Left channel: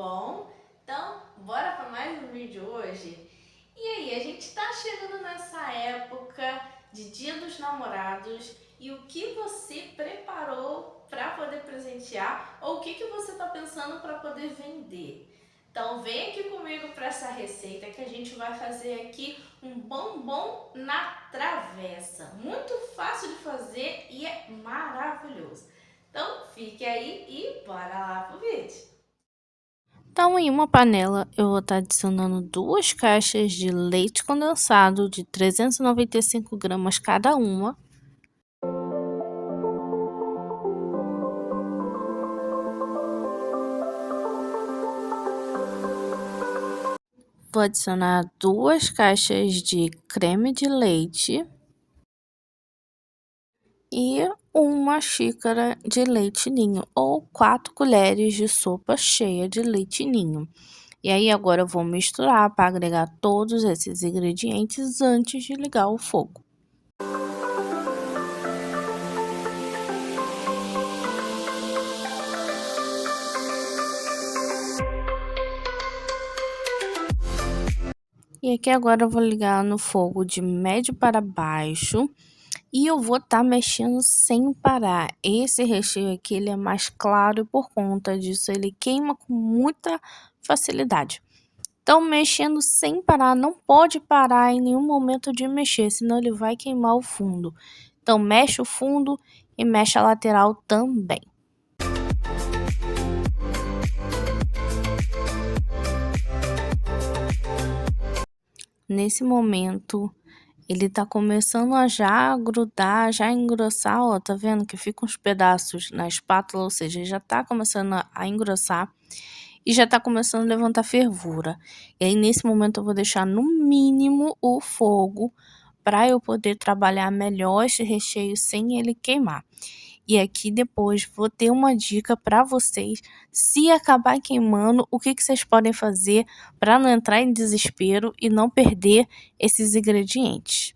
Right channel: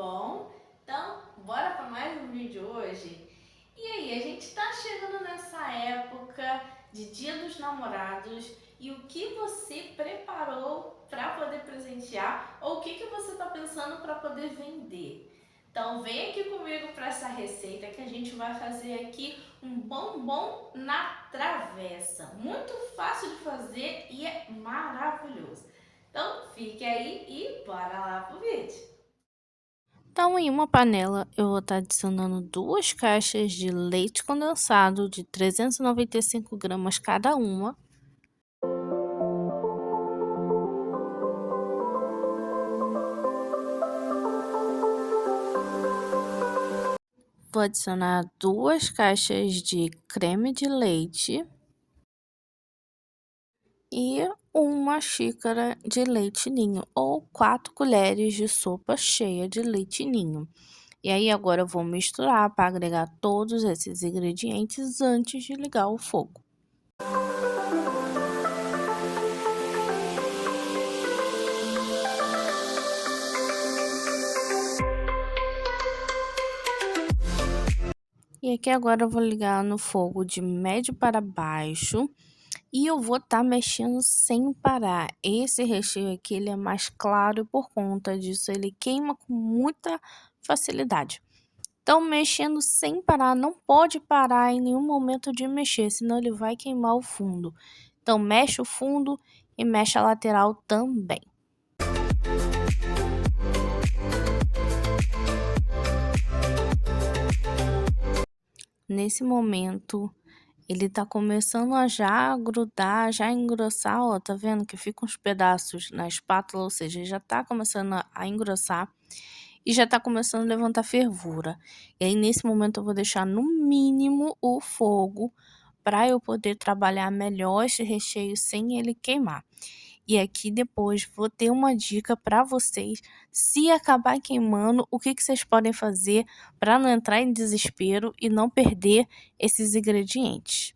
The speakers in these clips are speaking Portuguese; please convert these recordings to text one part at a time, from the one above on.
bom? Então, bora para mais um vídeo hoje? E aí, a gente está chegando nessa época de Dia dos Namorados e o que você preparou para poder presentear ou o que você está pensando para poder vender? Então, vem aqui comigo para essa receita que a gente vai fazer aqui um bombom na travessa. Muito fácil de fazer e é maravilhoso. Então, fique aí e bora lá pro vídeo. Então, em uma panela, eu vou estar adicionando 2 caixas de leite condensado de 395 gramas cada uma. Vou adicionar 2 caixas de creme de leite e uma xícara de leite ninho ou 4 colheres de sopa cheia de leite ninho. E aí agora eu vou misturar para agregar todos esses ingredientes antes de ligar o fogo. E aqui agora eu vou ligar no fogo de médio para baixo e eu vou estar mexendo sem parar. Esse recheio aqui ele é mais claro e por conta disso ele queima com muita facilidade. Então, mexendo sem parar, não pode parar em nenhum momento de mexer, senão ele vai queimar o fundo. Então, mexe o fundo e mexe a lateral também. Nesse momento, ele tá começando a já grudar, já engrossar, ó, tá vendo que fica uns pedaços na espátula, ou seja, já tá começando a engrossar e já tá começando a levantar fervura. E aí, nesse momento, eu vou deixar no mínimo o fogo para eu poder trabalhar melhor esse recheio sem ele queimar. E aqui depois vou ter uma dica para vocês, se acabar queimando, o que vocês podem fazer para não entrar em desespero e não perder esses ingredientes.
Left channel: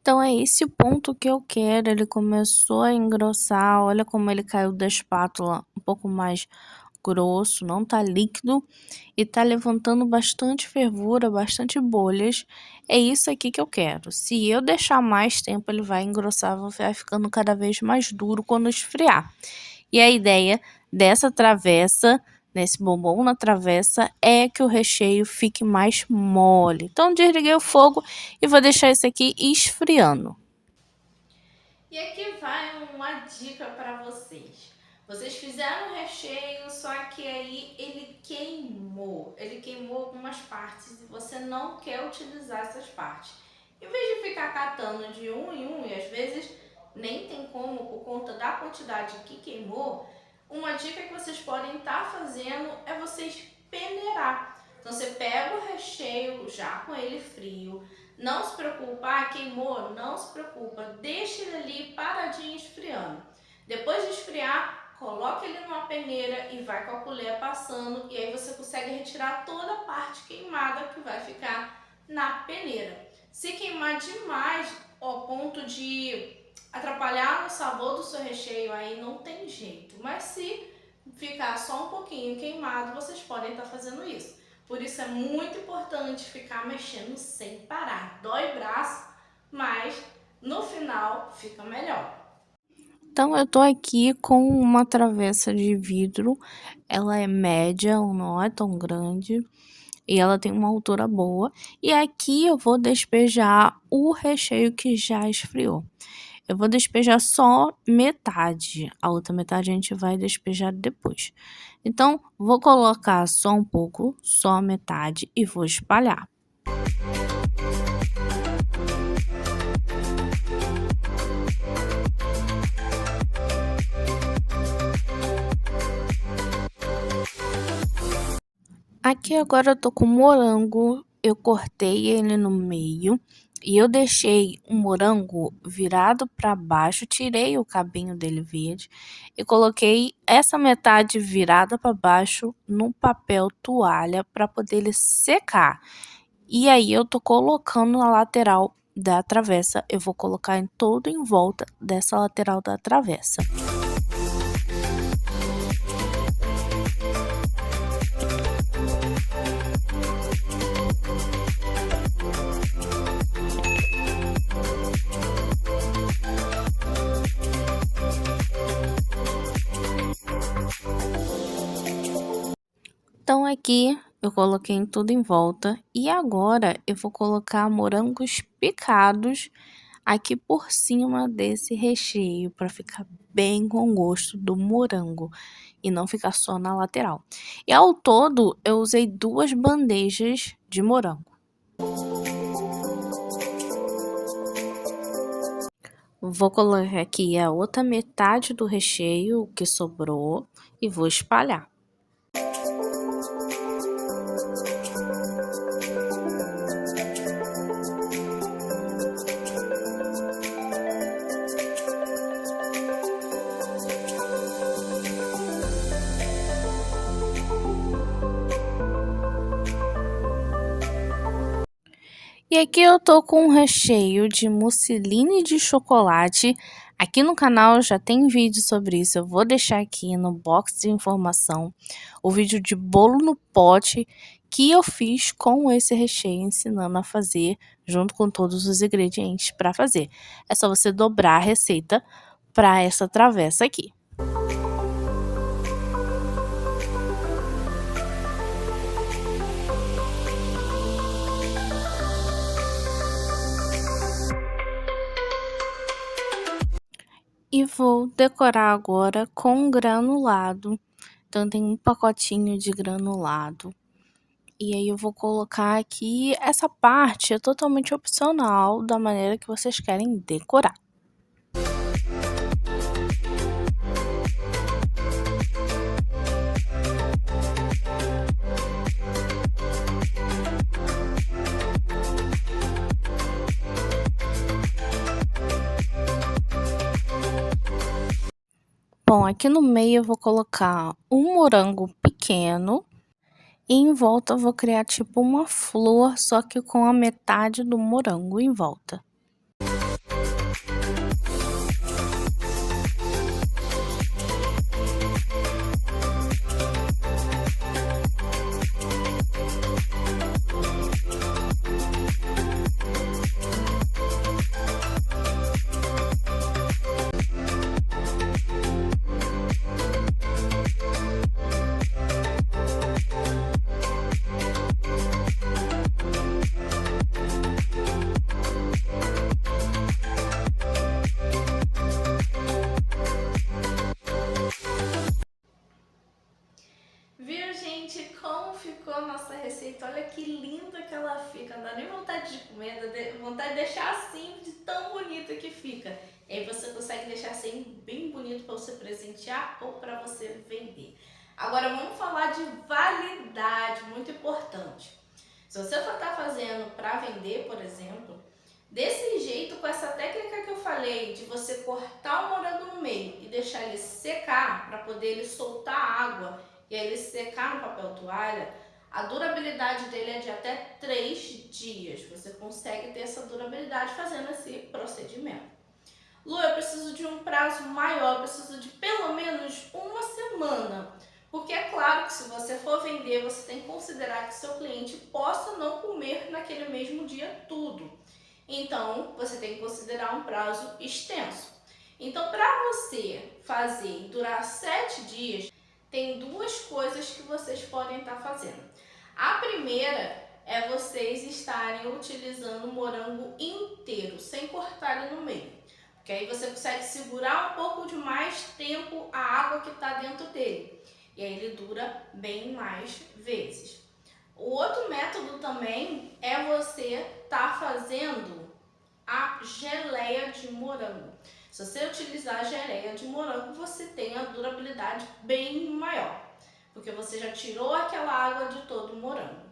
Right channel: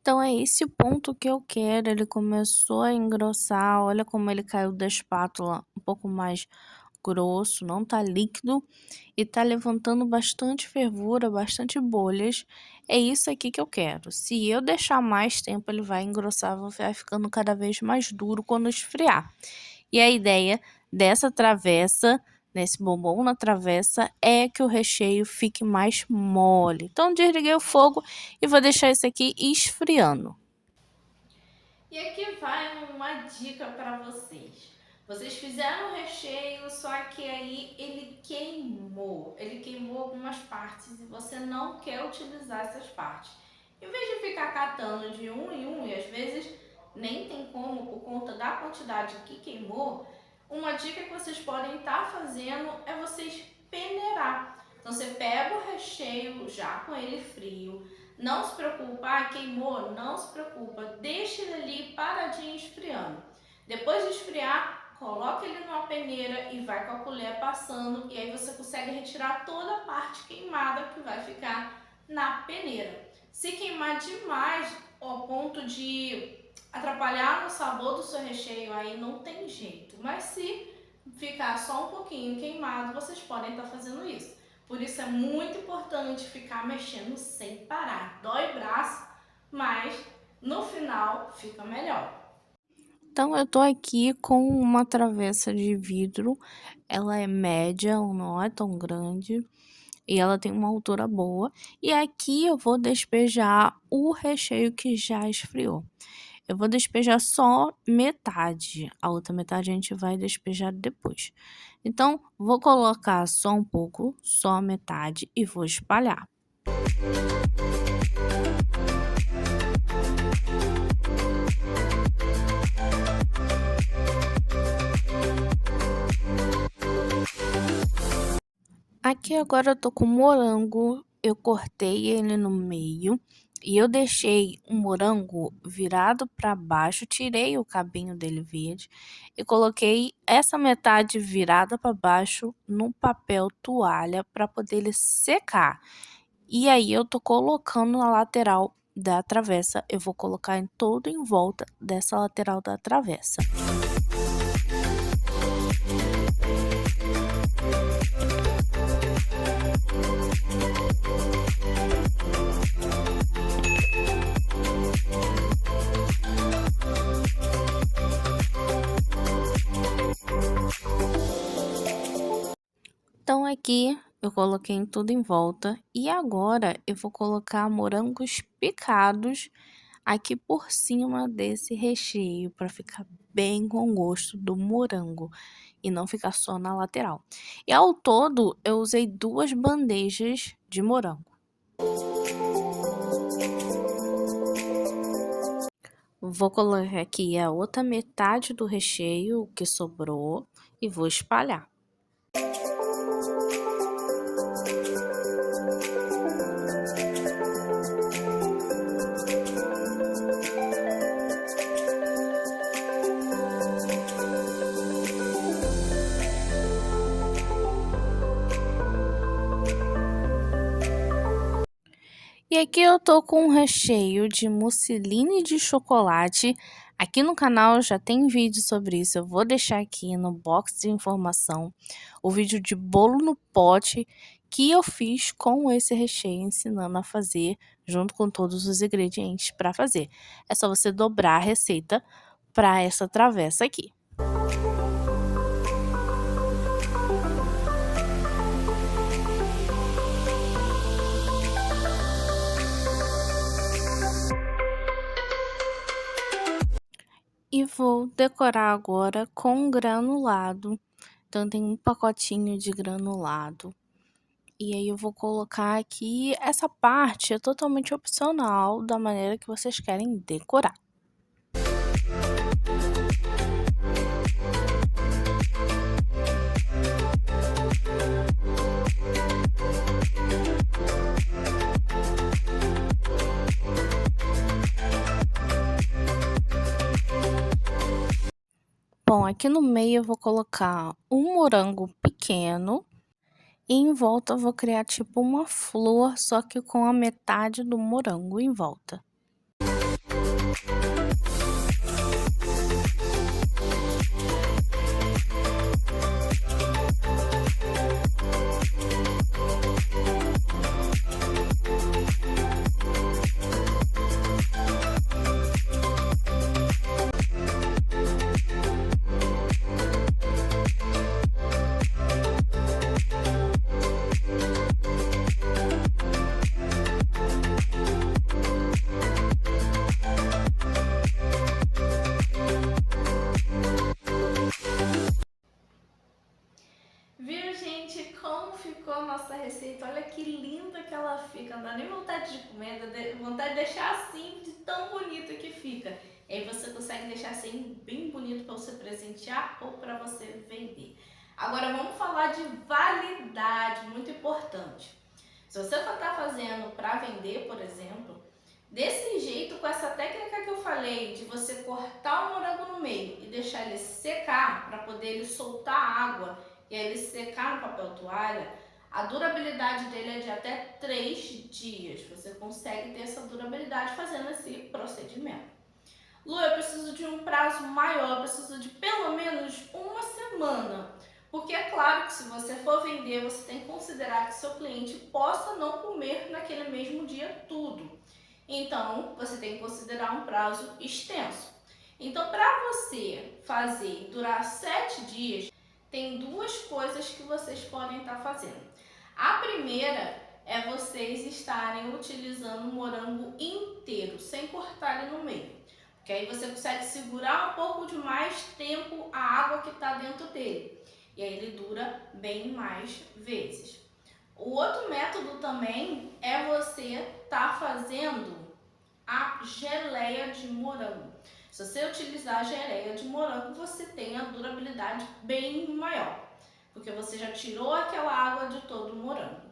Então é esse o ponto que eu quero, ele começou a engrossar, olha como ele caiu da espátula um pouco mais grosso, não tá líquido e tá levantando bastante fervura, bastante bolhas. É isso aqui que eu quero. Se eu deixar mais tempo, ele vai engrossar, vai ficando cada vez mais duro quando esfriar. E a ideia dessa travessa, nesse bombom na travessa, é que o recheio fique mais mole. Então, desliguei o fogo e vou deixar isso aqui esfriando. E aqui vai uma dica para vocês. Vocês fizeram o recheio, só que aí ele queimou. Ele queimou algumas partes e você não quer utilizar essas partes. Em vez de ficar catando de um em um, e às vezes nem tem como por conta da quantidade que queimou, uma dica que vocês podem estar fazendo é vocês peneirar. Então você pega o recheio já com ele frio, não se preocupa, queimou, não se preocupa, deixa ele ali paradinho esfriando. Depois de esfriar, coloca ele numa peneira e vai com a colher passando e aí você consegue retirar toda a parte queimada que vai ficar na peneira. Se queimar demais ao ponto de atrapalhar no sabor do seu recheio, aí não tem jeito. Mas se ficar só um pouquinho queimado, vocês podem estar fazendo isso. Por isso é muito importante ficar mexendo sem parar. Dói o braço, mas no final fica melhor. Então, eu tô aqui com uma travessa de vidro, ela é média, não é tão grande, e ela tem uma altura boa. E aqui eu vou despejar o recheio que já esfriou. Eu vou despejar só metade, a outra metade a gente vai despejar depois. Então, vou colocar só um pouco, só metade e vou espalhar. Aqui agora eu tô com morango, eu cortei ele no meio e eu deixei o morango virado para baixo, tirei o cabinho dele verde e coloquei essa metade virada para baixo no papel toalha para poder ele secar. E aí eu tô colocando na lateral da travessa, eu vou colocar em todo em volta dessa lateral da travessa. aqui eu coloquei tudo em volta e agora eu vou colocar morangos picados aqui por cima desse recheio para ficar bem com gosto do morango e não ficar só na lateral. E ao todo eu usei 2 bandejas de morango. Vou colocar aqui a outra metade do recheio que sobrou e vou espalhar. E aqui eu tô com um recheio de mousseline de chocolate. Aqui no canal já tem vídeo sobre isso, eu vou deixar aqui no box de informação o vídeo de bolo no pote que eu fiz com esse recheio, ensinando a fazer junto com todos os ingredientes para fazer. É só você dobrar a receita para essa travessa aqui. E vou decorar agora com granulado. Então, tem um pacotinho de granulado. E aí eu vou colocar aqui, essa parte é totalmente opcional, da maneira que vocês querem decorar. Bom, aqui no meio eu vou colocar um morango pequeno e em volta eu vou criar tipo uma flor, só que com a metade do morango em volta. Viu, gente, como ficou a nossa receita? Olha que linda que ela fica, não dá nem vontade de comer, dá vontade de deixar assim, de tão bonito que fica. E aí você consegue deixar assim bem bonito para você presentear ou para você vender. Agora vamos falar de validade, muito importante. Se você for estar fazendo para vender, por exemplo, desse jeito, com essa técnica que eu falei, de você cortar o morango no meio e deixar ele secar, para poder ele soltar água e aí ele secar no papel toalha, a durabilidade dele é de até 3 dias. Você consegue ter essa durabilidade fazendo esse procedimento. Lu, eu preciso de um prazo maior, eu preciso de pelo menos uma semana. Porque é claro que se você for vender, você tem que considerar que seu cliente possa não comer naquele mesmo dia tudo. Então, você tem que considerar um prazo extenso. Então, para você fazer durar 7 dias, tem 2 coisas que vocês podem estar fazendo. A primeira é vocês estarem utilizando o morango inteiro, sem cortar ele no meio. Porque aí você consegue segurar um pouco de mais tempo a água que está dentro dele. E aí ele dura bem mais vezes. O outro método também é você estar fazendo a geleia de morango. Se você utilizar a geleia de morango, você tem a durabilidade bem maior, porque você já tirou aquela água de todo o morango.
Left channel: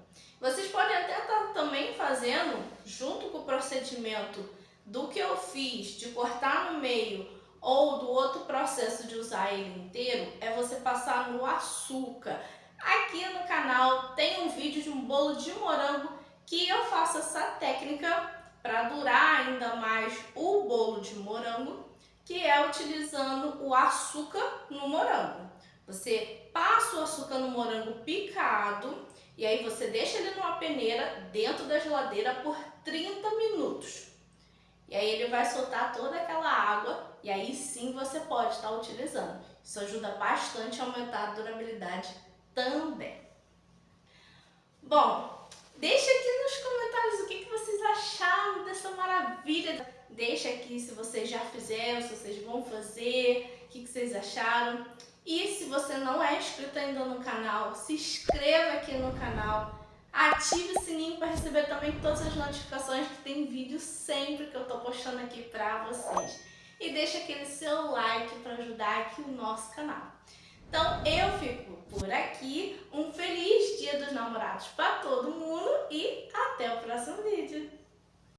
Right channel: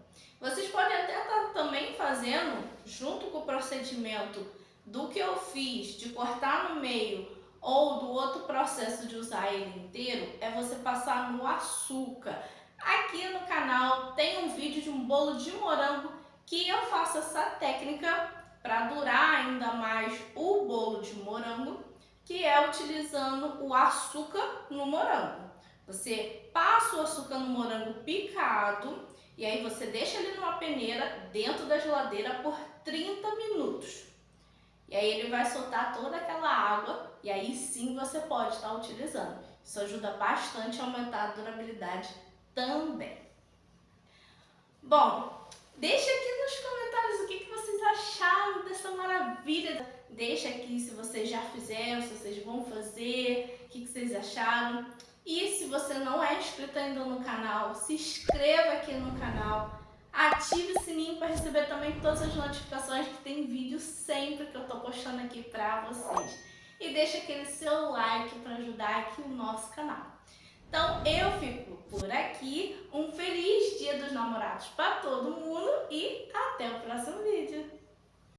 Vocês podem até estar também fazendo, junto com o procedimento do que eu fiz, de cortar no meio, ou do outro processo de usar ele inteiro, é você passar no açúcar. Aqui no canal tem um vídeo de um bolo de morango que eu faço essa técnica para durar ainda mais o bolo de morango, que é utilizando o açúcar no morango. Você passa o açúcar no morango picado e aí você deixa ele numa peneira dentro da geladeira por 30 minutos. E aí ele vai soltar toda aquela água e aí sim você pode estar utilizando. Isso ajuda bastante a aumentar a durabilidade também. Bom, deixa aqui nos comentários o que vocês acharam dessa maravilha. Deixa aqui se vocês já fizeram, se vocês vão fazer, o que vocês acharam. E se você não é inscrito ainda no canal, se inscreva aqui no canal. Ative o sininho para receber também todas as notificações, que tem vídeo sempre que eu tô postando aqui para vocês. E deixa aquele seu like para ajudar aqui o nosso canal. Então eu fico por aqui. Um feliz Dia dos Namorados para todo mundo e até o próximo vídeo.